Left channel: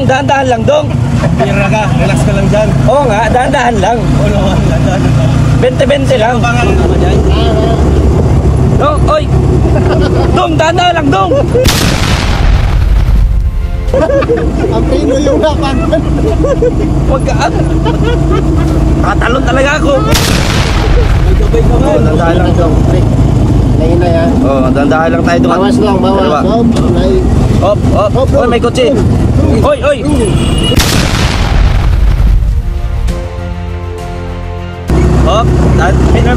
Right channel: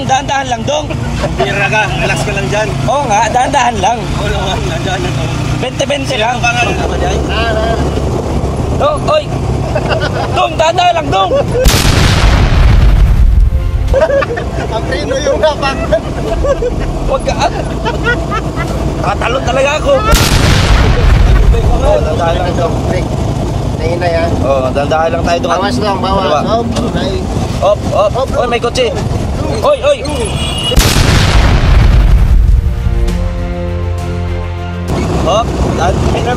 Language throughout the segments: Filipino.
Dong, dahan-dahan lang, Dong. Pira ka, relax ka lang dyan. Oo nga, dahan-dahan lang. Oo naman, dahan-dahan lang. 20-20 lang. Ano pangalan naman yan? Dong, oy! Dong, dahan-dahan lang, Dong! Ang pino yung napangan. Huwag ka, tatalon talaga ako. Dahan-dahan lang ito. Naina yan. Oo, dahan-dahan lang tayo. Bawas lang, bawas. Op. Oy, may kotse. Oy. Op,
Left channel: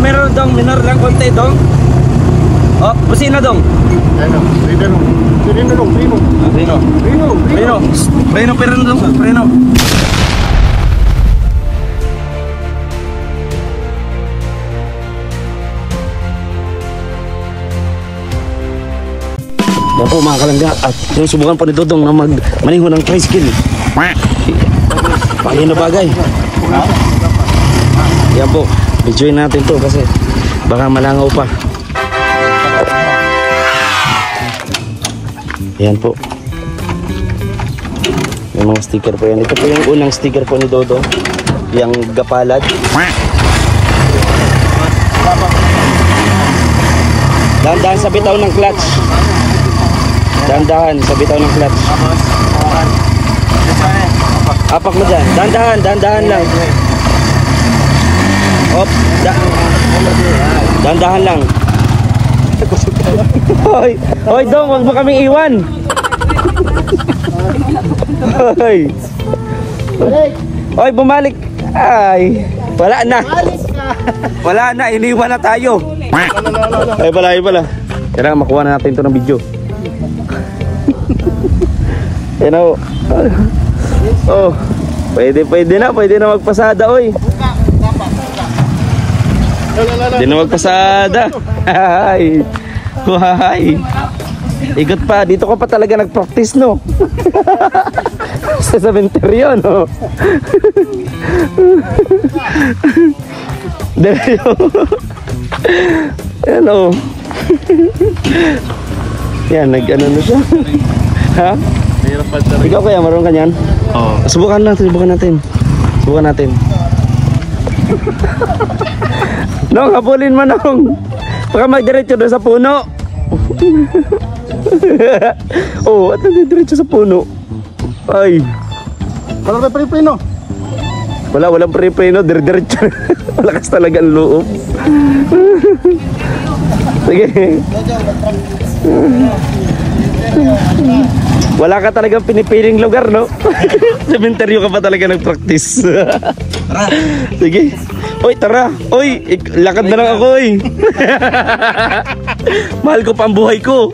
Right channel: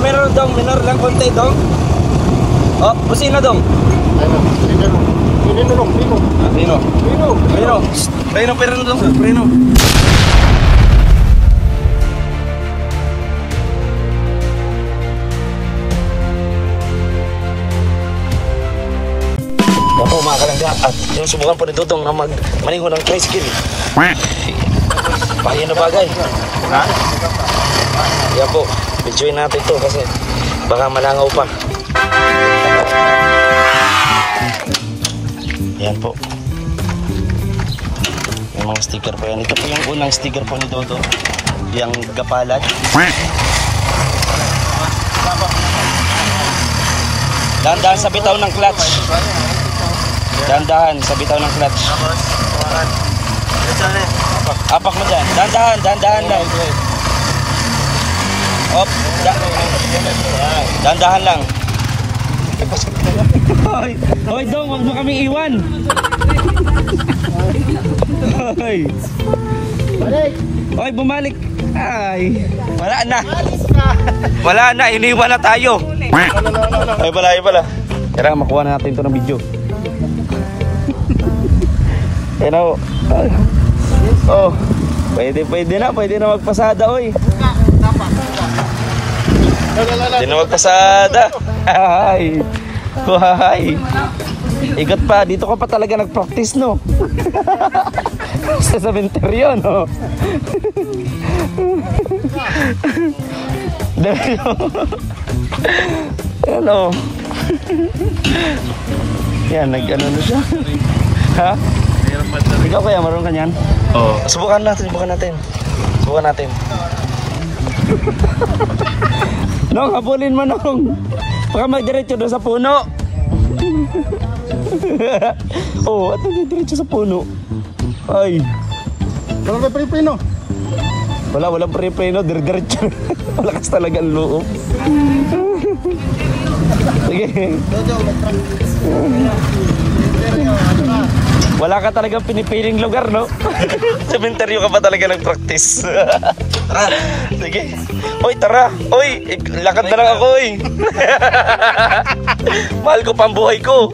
meron dong, minor lang konti dong. Op, busina dong. Preno dong, preno. At subukan pa ni Dudong na maniho ng tricycle. Pakino bagay. Videoin natin to kasi baka malangaw pa. Ayan po. May mga sticker po yan. Ito po yung unang sticker po ni Dodong. Yung gapalad. Dahan-dahan sa bitaw ng clutch. Dahan-dahan sa bitaw ng clutch. Apak mo dyan. Dahan-dahan lang. Hop. Dahan-dahan lang. Hoy Dong, wag mo kaming iwan. Hoy, bumalik. Ay, wala na, iniwan na tayo. Ay pala. Kaya makuha natin ito ng video. Yan o. Oh, pwede na magpasada, oy. Pwede na magpasada. Ay. Igat pa, dito ko pa talaga nag-practice, no? Sa cementerio, no? Yan o. Yan, nag-ano nito. Ha? Ikaw kaya, marunong ka niyan? Oo. Subukan natin. Nong, habulin mo, Nong. Baka magdiretso doon sa puno. Oh, at nagdiretso sa puno. Ay. Walang pre-preno. Walang pre-preno, diretso. Malakas talaga ang loob. Sige. Wala ka talagang pinipiling lugar, no? Cementerio ka pa talaga nag-practice. Sige. Uy, tara. Uy, lakad na lang ako, uy. Mahal ko pa ang buhay ko.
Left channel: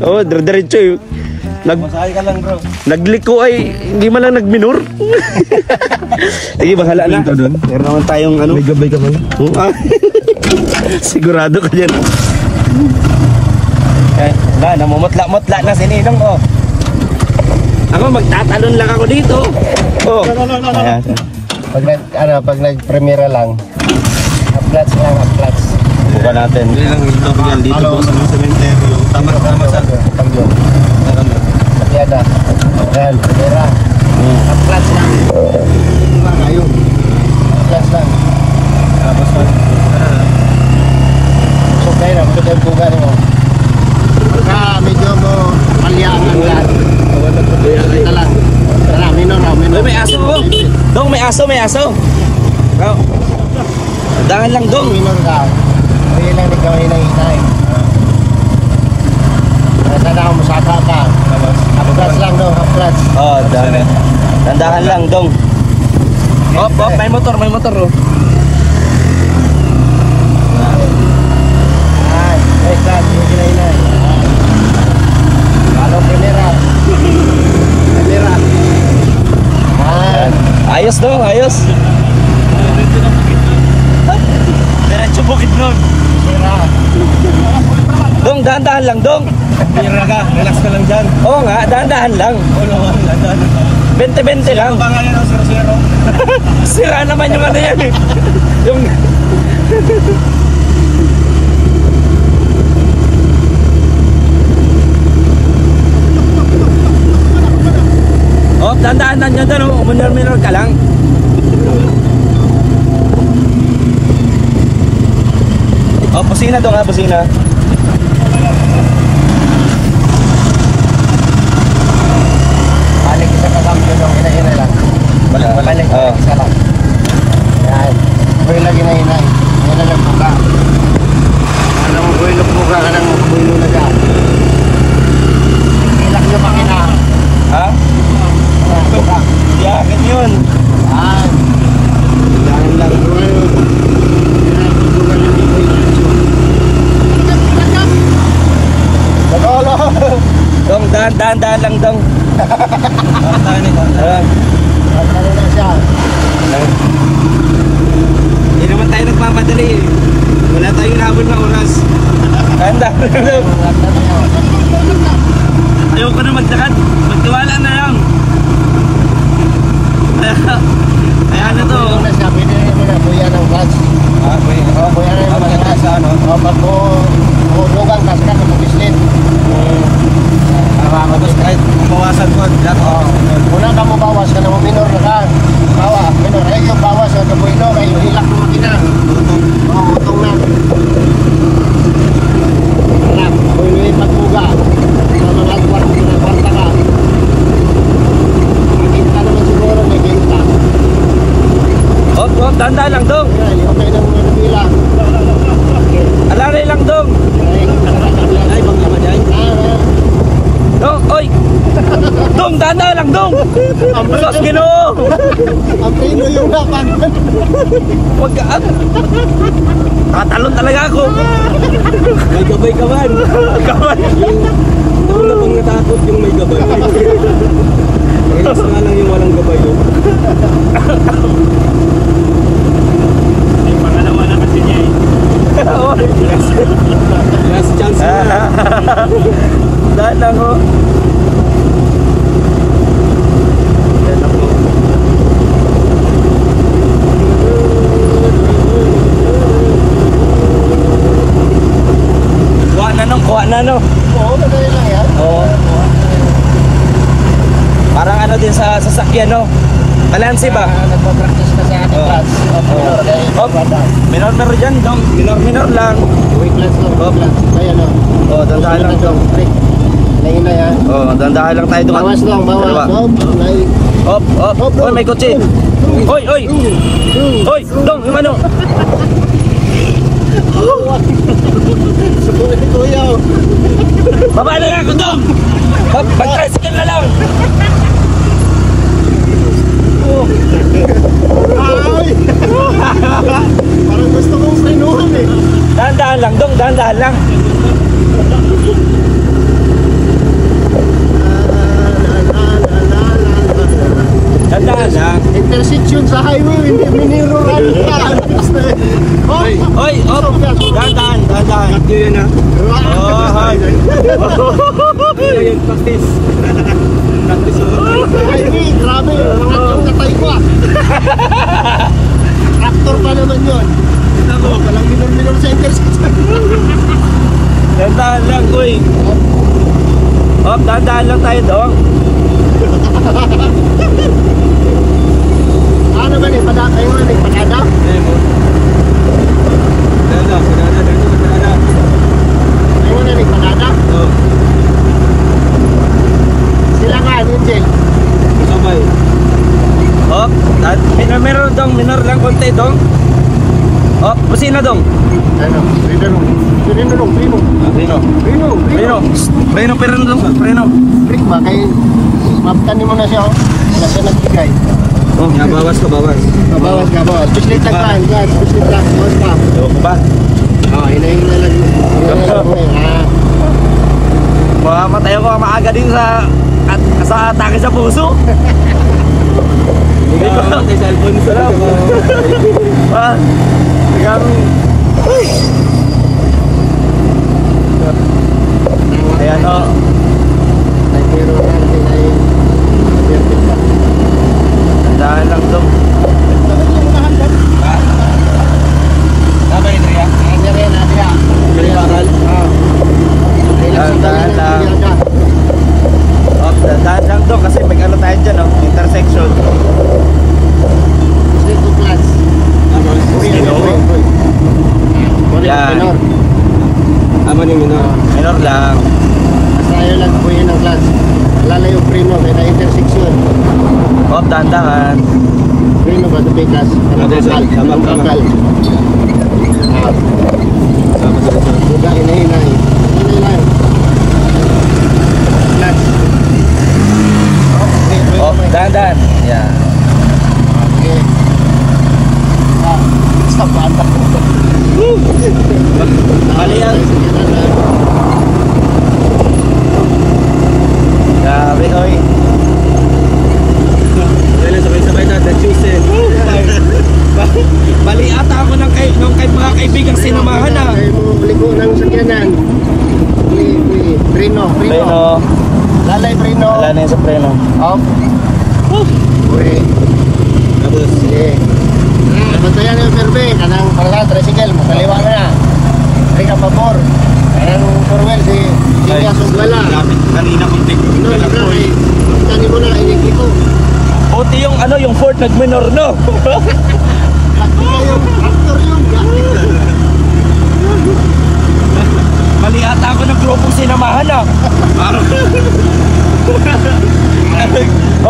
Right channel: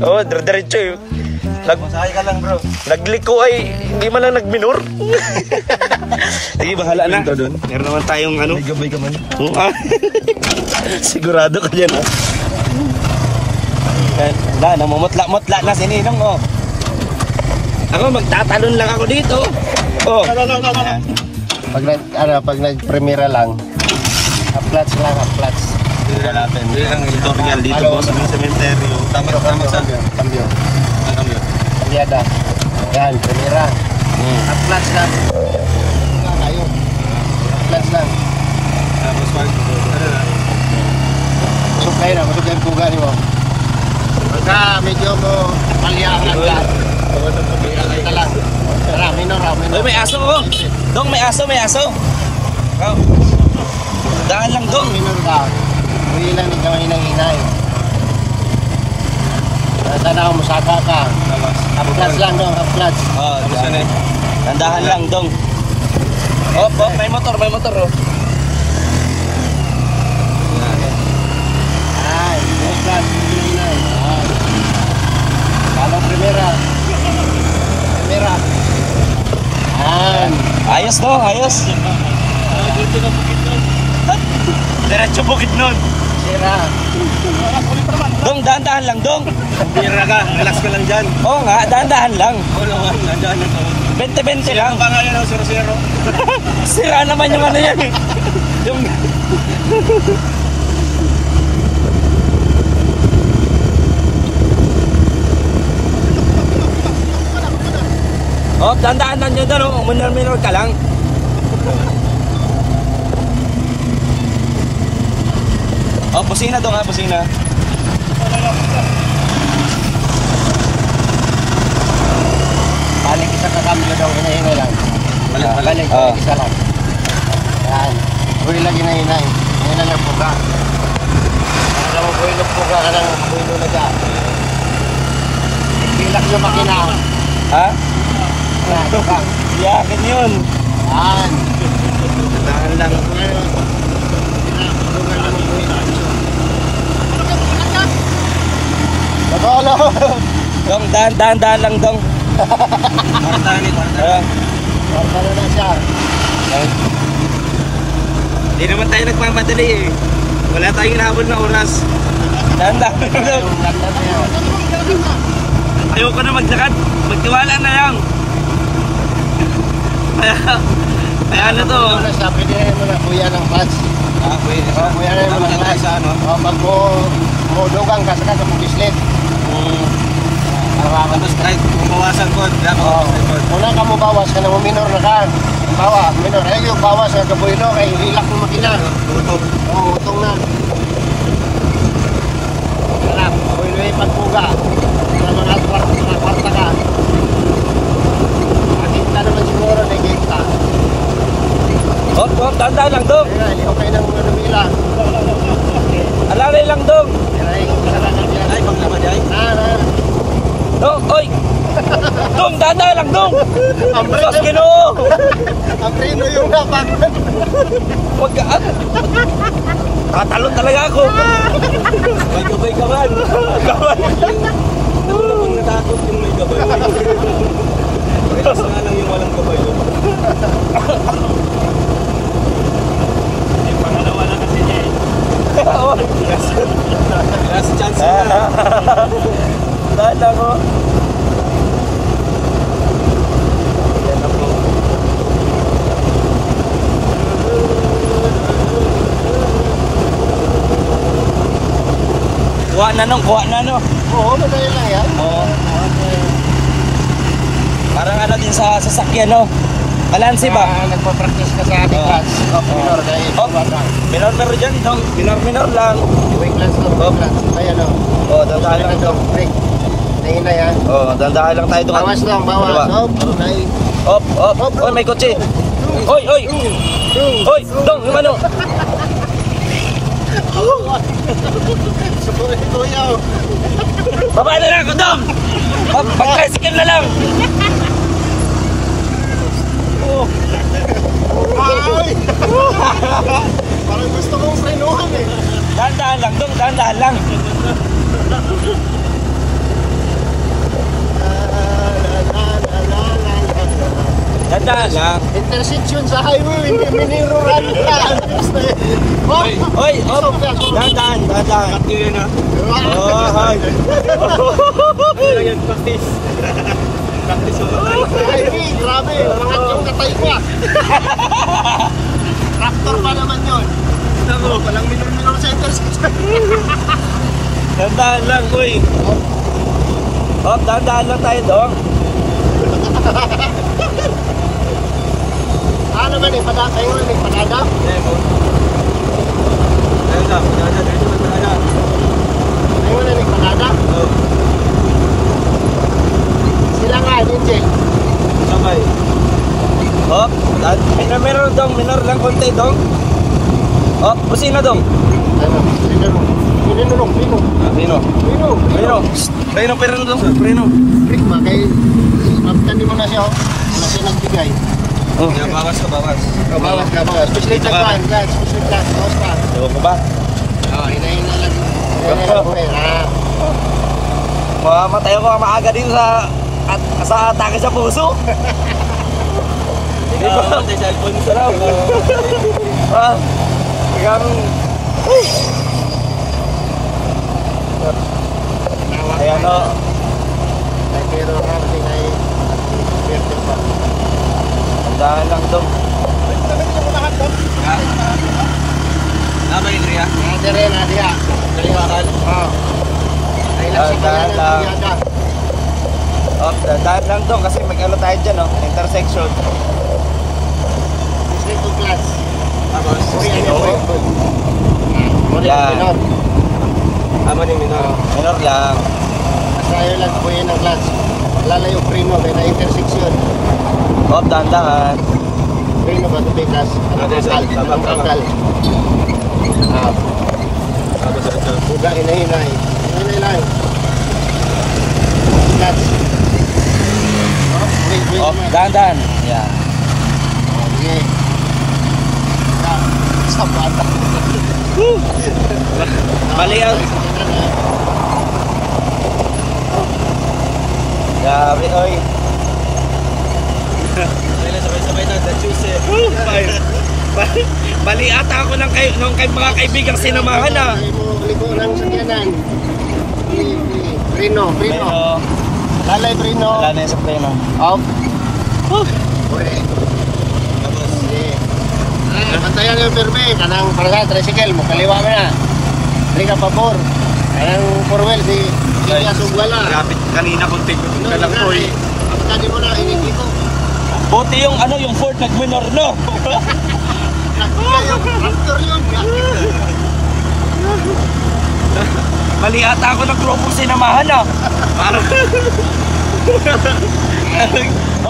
Oh, diretso eh. Masakay ka lang, bro. Nagliko ay hindi man lang nagminor. Sige, bahala na. Meron naman tayong ano. May gabay ka ba? Sigurado ka dyan, ha? Wala, namumutla-mutla na si Ninong, oh. Ako, magtatalon lang ako dito. Oh. Pag nag-premiera lang, half-clutch lang, half-clutch. Buka natin. Ang tutorial dito po sa cementerio. Tama sa Pakyada. Yan, premiera. Half-clutch lang. Half-clutch lang. Tapos masuk kayo buga rin mo. Pagka medyo mo maliang lang. Uy, may aso, oh. Dong, may aso. Oh. Dangan lang, Dong. Kaya lang ni gawin ng inay. Sana ako musaka pa. Half-clutch lang, Dong, half-clutch. Oh, dandahan lang, Dong. Oh, may motor, oh. Clutch, inay. Kalau primera. Ayos, Dong, ayos. Diretso bukid nun. Dong, dahan-dahan lang, Dong. Pira ka, relax ka lang dyan. Oo nga, dahan-dahan lang. Oo naman, dahan-dahan lang. 20-20 lang. Ang pangalan ng 0-0. Sira naman yung ano yan, eh. ganyan doon, oh. Minor ka lang. Oh, pusina doon ha, pusina. Balik kita kakambyo dong, ina-ina lang. Balik, isa lang. Yan. Buhay lang ina-ina. Yan lang buka. Alam mo, buhay lang buka ka ng buhay lang ka. Ilak yung makina. Ha? Buka. Yakin yun. Yan. Tandahan lang buhay. Pinapagbukan ng buhay. Bagala mo. Dong, dahan lang dong. Ayan. Ano na siya? Hindi naman tayo nagmamadali eh. Wala tayong hinabol na oras. Dahan lang dong. Ayoko na maglakad. Magtiwala na lang. Kaya ano to? Ano na siya? Pwede na rin mo na buya ng clutch. Buya na rin mo ng clutch. Pag mo lugang ka, saka sa pag-islit. Tapos kahit bawasan ko. Una ka mo bawas ka na mo minor na ka. Bawa, minor. Ay yung bawas sa kabuilo, ay yung hilak ng makina. Utong na. Alam, builo yung pagbuga. Para maragwarta ka. Nakita naman siguro na ikita. Oh, dahan lang dong. Ayan, yung kayo na mga nabila. Alalay lang dong. Ay, kung naman ay. Dong, oy. Dong, dahan lang dong. Sos Ginoo. Ang prino yung dapat. Magkaan. Tatalon talaga ako. May gabay ka man. Gabay. Wala kong natakot yung may gabay. Kaya sana lang yung walang gabay doon. May pangalaman na kasi niya eh. Last chance na. Dahan lang ho. Kuha na no. Oo, madali lang yan. Oo. Parang ano din sa sasakyan no. Balanse ba? Nagpa-practice ka sa ating clutch. Minor dahil. Minor dyan dong. Minor lang. Brake clutch ko. Kaya lang. Oh, dandahan lang dong. Brake. Naina yan. Oh, dandahan lang tayo doon. Bawas lang, bawas. Op. Oy, may kotse. Oy. Oy, dong, yung ano? Baba na lang ako dong. Hop, mag-tricycle na lang. Ay! Parang gusto mong sinuhan eh. Dahan-dahan lang dong, dahan-dahan lang. Dahan-dahan lang. Intersection sa highway, hindi miniruran ka. Oy, op. Dahan-dahan. Cut nyo yun ah. Oh, hi. Ayan, practice. Ay, grabe. Nakatay ka. Tractor pa naman yun. Walang minor sa intersection. Dahan-dahan lang, uy. Op, dahan-dahan lang tayo dong. Ano naman eh, kayo man eh, pagkada. Ayun na eh, pagkada. Sila nga, DJ. Sabay. Op, meron dong, minor lang konti dong. Op, busina dong. Preno. Preno pero dong, preno. Break ba? Kaya maptan mo na siya, oh. Wala siya nagbigay. Oh, bawas ka. Bawas. Especially tagpan, especially tagpan. Bawas pa. Oo ba? Oo, hinahila lang. Hinahila ko eh. Baka matayo ko maaga din sa atake sa puso. Hindi ko sa cellphone sa lang. Ha? Biglang ayan o. Ay, pero yan, ay Tandaan lang ito. Tama yun, Ria? Nadia. ni minor. Minor lang. Basta ngayon lang po yun ang clutch. Lala yung preno, may na-intersection. Oh, dandahan. Preno ka, tubigas. Okay, sir. Kakal. Buka, hinay-hinay. Hinay-hinay. Clutch. Oh, dandahan. Yeah. Okay. Stop, stop. Mali yan. Grabe, oy. Dahil sabay-sabay na, na-chosen. Mali ata ako nung mga kaibigang sinamahan na. Kaya mo ligo ng sakyanan. Preno. Preno. Lalay preno. Wala na yun sa preno. Off. Wait. Sige. Bantayan yung perbe. Kanang pala, tricycle. Makaliwa mo na. Hindi ka pabor. Kanang 4 wheel si Julia Sugwala. Kapit kanina kung tingin Ito, lang po eh. Tani mo na, initi ko. Buti yung yung Ford nag-minor, no? Kaya yung actor yun. Mali ata ako ng grupong sinamahan na. Parang...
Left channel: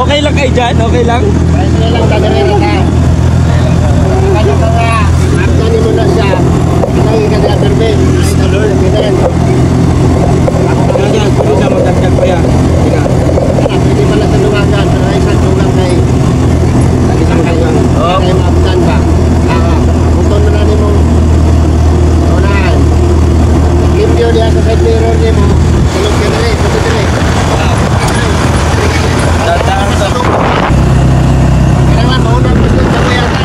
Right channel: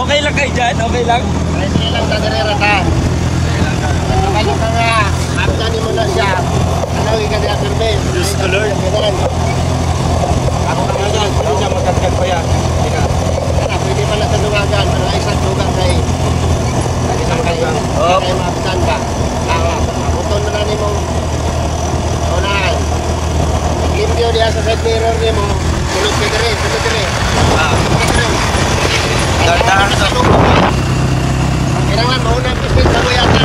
okay lang kayo dyan, okay lang? Sige lang, tadirera ka. Kaya mo nga, tani mo na siya. Ay, kasi perbe. Pwede pala sa luwagan, pero isang kulang kay mabutan ka. Buton mo na ni mo. Unahan. Limpyo diya sa side mirror ni mo. Kulog ka na rin, sabi ka rin. Dandahan to. Kailangan lang, mauna biscuit bago yata.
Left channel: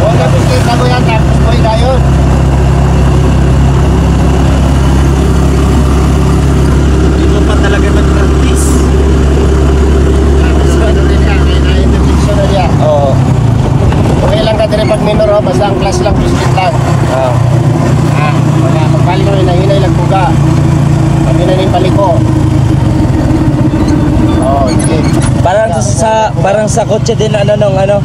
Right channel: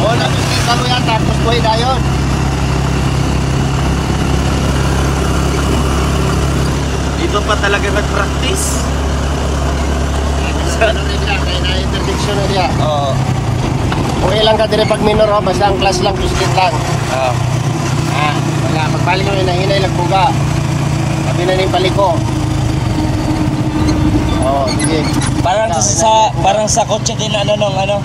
Mauna biscuit bago yata. Kukuhay na yun. Dito pa talaga nag-practice. Interdiction na diya. Oo. Okay lang ka dire pag minor ho, basta ang class lang, biscuit lang. Oo. Kaya magpali nyo, hinay lang buga. Kami na rin paliko. Oo, sige. Parang sa kotse din ano. Ayan,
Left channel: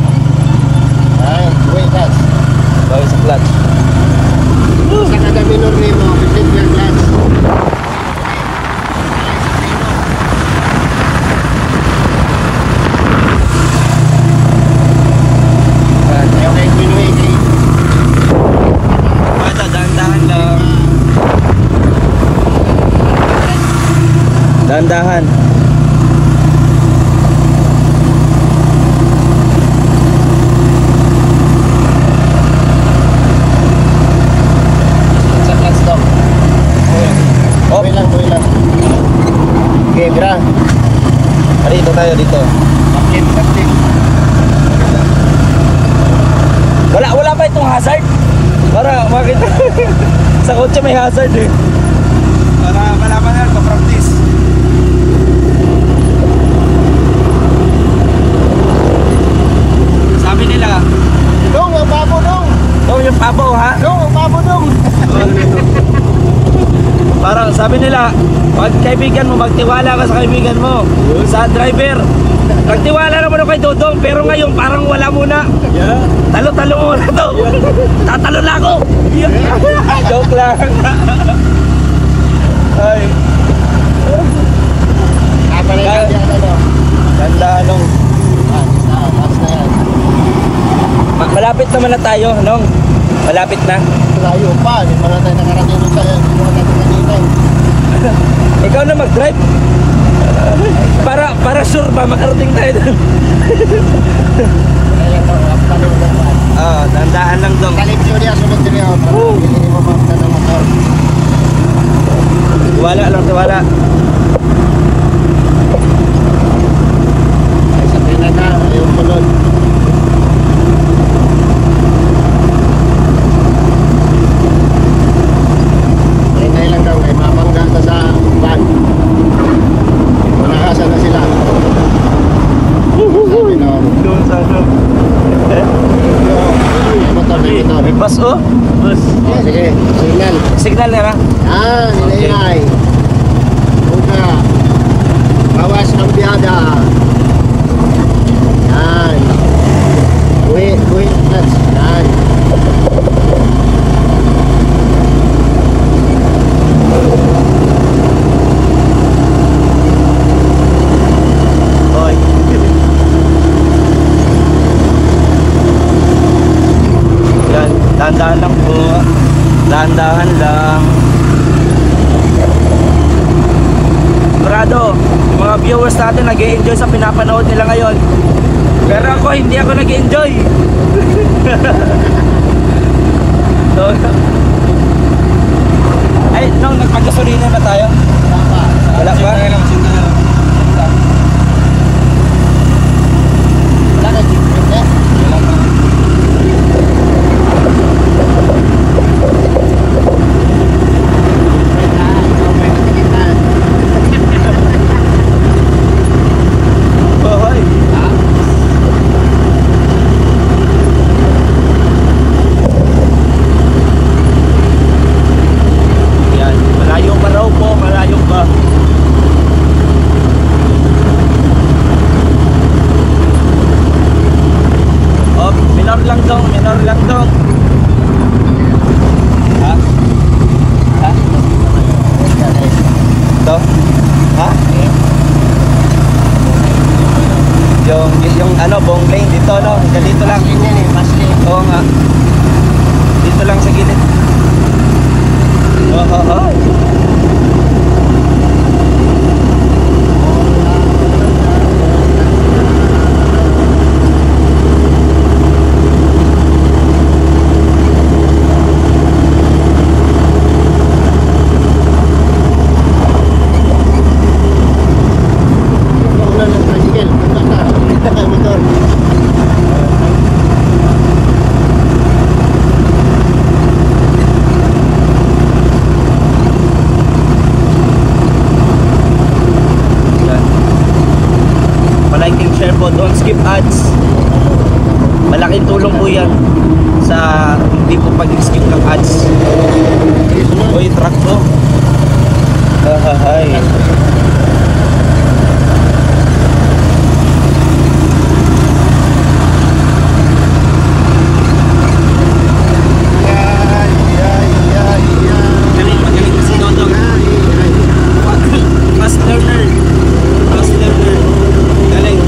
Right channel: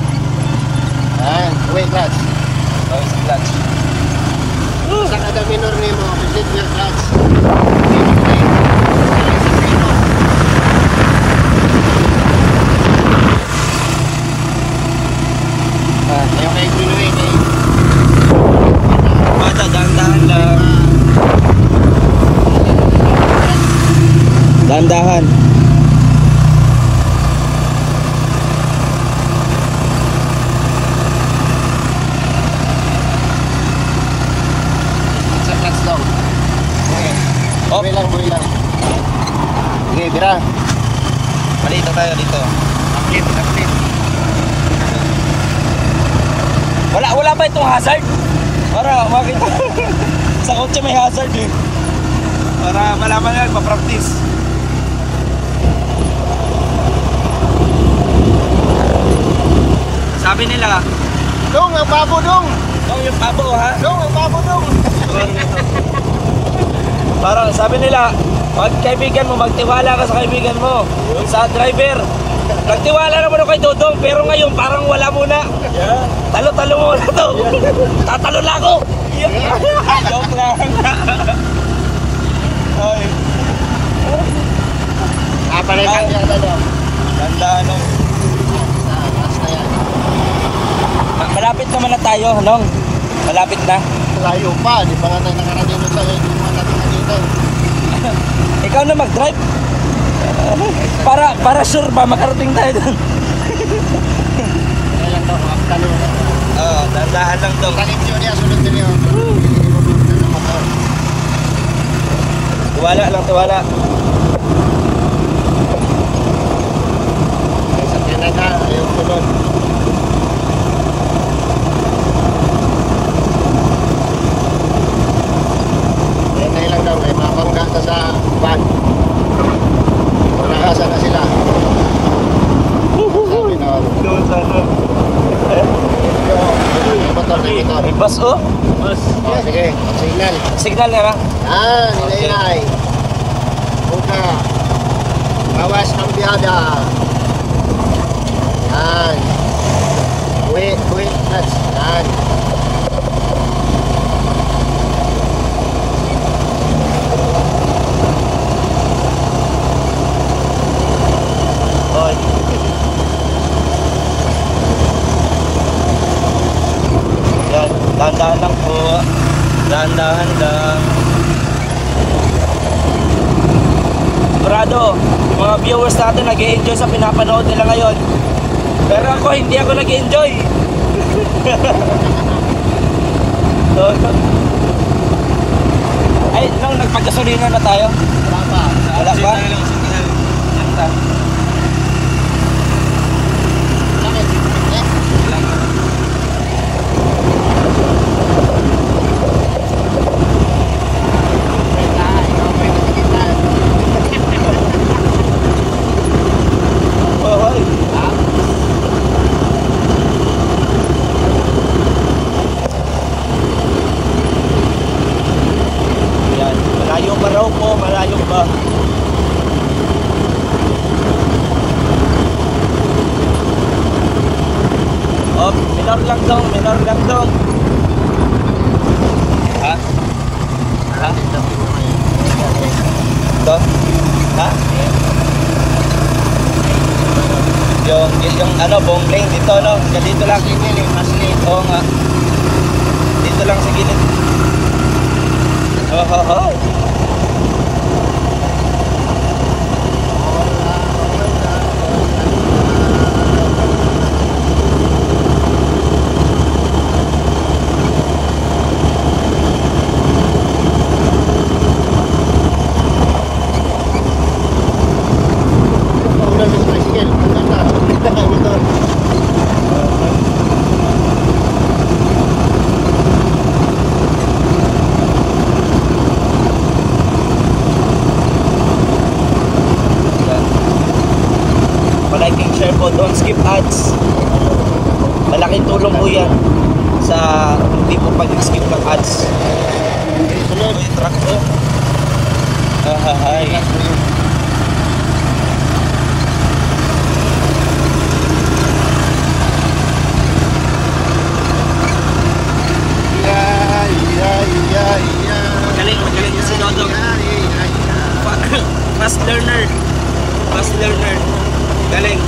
buhay class. Well, sa clutch. Sa kada minor ni mo, biscuit lang class. Ayaw kayo tuloy ni Bata, dahan-dahan lang. Dahan-dahan. sa class daw. Oh, Buhay lang. Okay, bira. dito tayo dito. Takip. Wala ba itong hazard? Para makita. Sa kotse may hazard eh. Para malaman na, pa-practice. Sabi nila, Dong, ang babo dong. oh yung papo ha? Dong, ang babo dong. Parang sabi nila, pag kaibigan mo, magtiwala ka sa kaibigan mo. Sa driver, magtiwala naman ako kay Dodong, pero ngayon parang wala muna. Talo-talo mo na to. Tatalo na ako. Joke lang. Ay. Pala yan, ano. Ganda lang. Mas na yan. Malapit naman na tayo, Nong. Malapit na. Layo pa, di pa na tayo nakarating sa yan. Di pa na tayo kanina. Ikaw na mag-drive. Para sure ba makarating tayo doon. Kaya lang, afternoon na. Tandaan lang Dong. Kanip yun yan, sunod din yan. Hindi mo pa na motor. Tiwala lang, tiwala. Sa Canada, ayaw sunod. Hindi lang daw, may makanggal ka sa van. Nakasa na sila. Sabi na, motor. May bus oh. Sige, signal. Signal na lang. Nilay. Buka. Awas ng biyada. Yan. Wait. That's yan. nag-enjoy sa pinapanood nila ngayon. Pero ako, hindi ako nag-enjoy. So, ay, nung magpagasolina na tayo. Wala pa? Tayo lang, sige lang. Yan lang. Don't skip ads. Malaking tulong po yan sa hindi po pag-skip ng ads. Oy, truck na. Hi. Magaling kasi Dodo. Fast learner. Galing.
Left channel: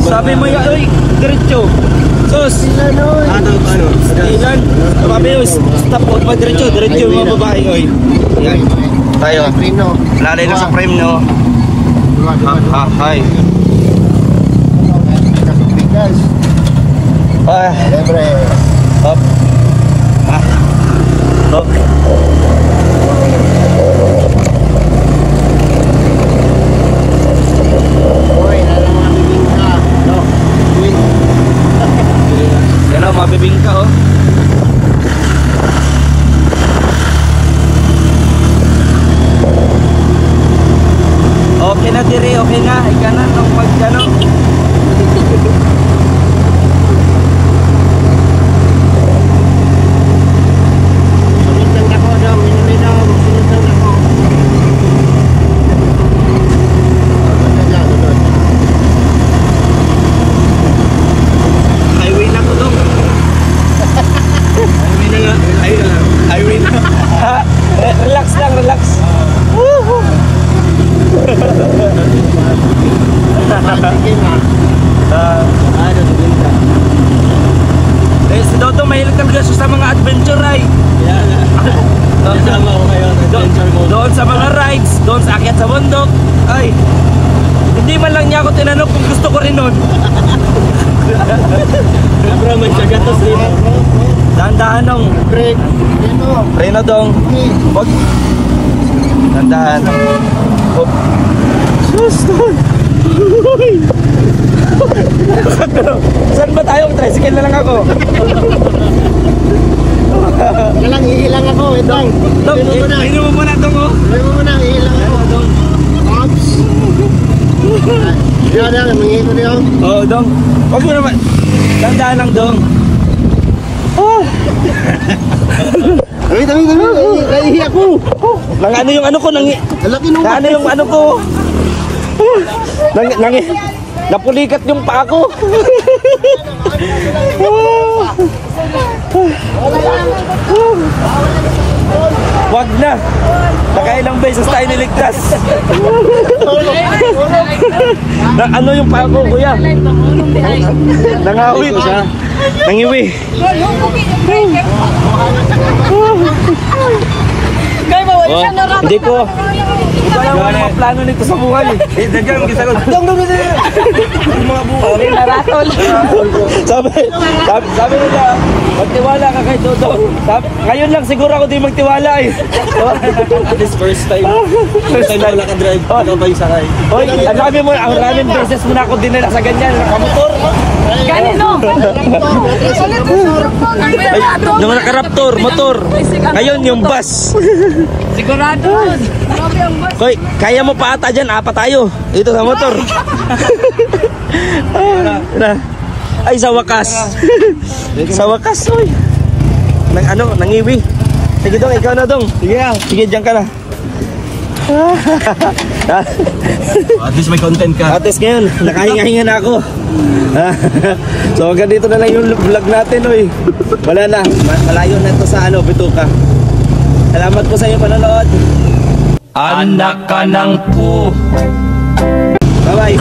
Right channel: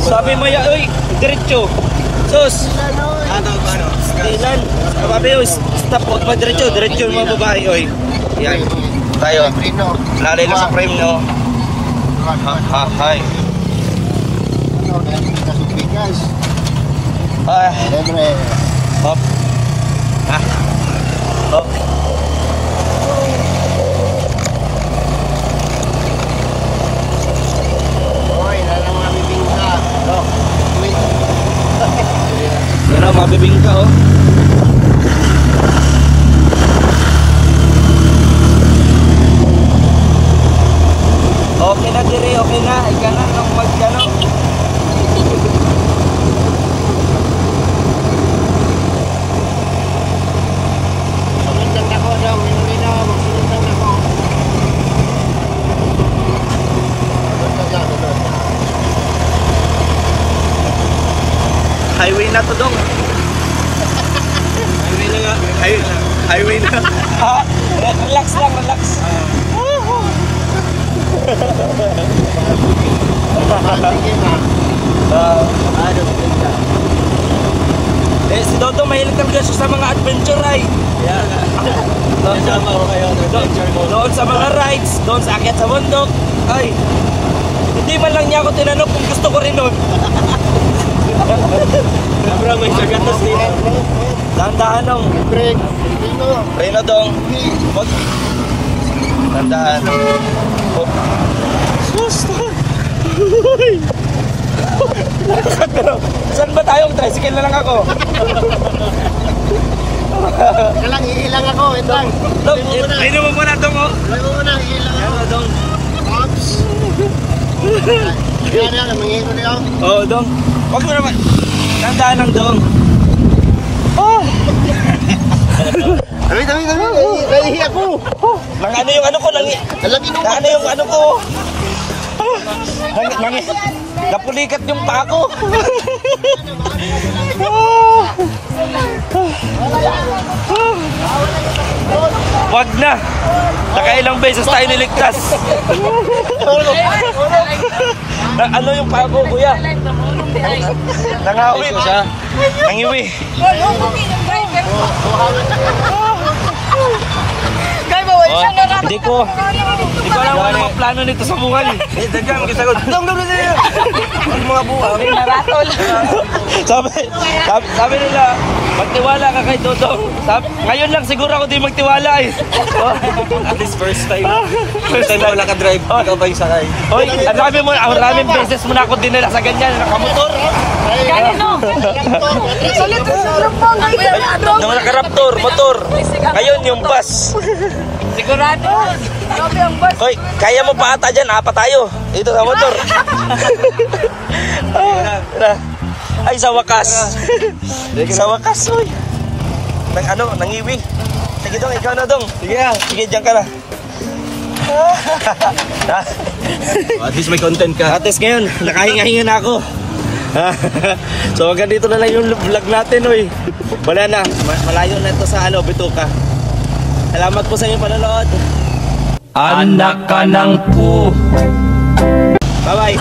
Sabi mo yan, uy, diretso. Sos. Ilan? Kapapius. Stop, huwag pa diretso. Diretso yung mga babae, uy. Yan. Tayo. Lalay na sa frame, no? Hi. Libre. Hop. Ah. Hop. Mabibing ka, oh. Okay na, Tiri. Okay na. Ika na. Mag-ano. Highway na to, dong. Highway na. Relax lang, relax. Woohoo! Eh, si Dodo mahilig kang gasyo sa mga adventure ride. Doon sa mga rides, doon sa akyat sa bundok. Ay, hindi man lang niya ako tinanong kung gusto ko rin nun. Bro, may sagatas rin. Dahan-dahan nung Break. Reno dong. Wag. Dahan-dahan. Hop. Stop. Saan ba tayo? Tricycle na lang ako. Galang, hihilang ako. Ito. Dong, inom mo muna dong, oh. Inom mo muna, hihilang ako. Dong. Ops. Yan, mangingi ko niyo. Oh, Dong. Huwag mo naman. Gandaan lang, Dong. Dami. Nahihiya ko. Nang ano yung ano ko, nang Ang laki nung ano yung ano ko. Napulikat yung paa ko. Wag na. Nakailang beses tayo niligtas. Ano yung paa ko, kuya? Nangawi ko siya. Nangiwi. Hindi ko alam ano mga plano nito sa buhay. Dagyan, gisagot. Dong. Mga buhay. Sabi nila, magtiwala ka kay Dodong. Ngayon lang siguro ako di magtiwala eh. At least first time. First time wala ka drive. Ikaw ba yung sakay? Hoy, maraming beses mo na ako dinala sa ganyan. Nakamotor. Yung naka-raptor, motor. Ngayon yung bus. Sigurado. Hoy, kaya mo pa ata dyan, apat tayo. Ito sa motor. Ay, sa wakas. Sa wakas, hoy. Nangiwi. Sige Dong, ikaw na Dong. Sige, dyan ka na. At least may content ka. At least ngayon, nakahinga-hinga na ako. So hanggang dito na lang yung vlog natin, oy. Wala na, malayo na ito sa Bituka. Salamat po sa inyong panonood. Anak ka ng po. Bye bye.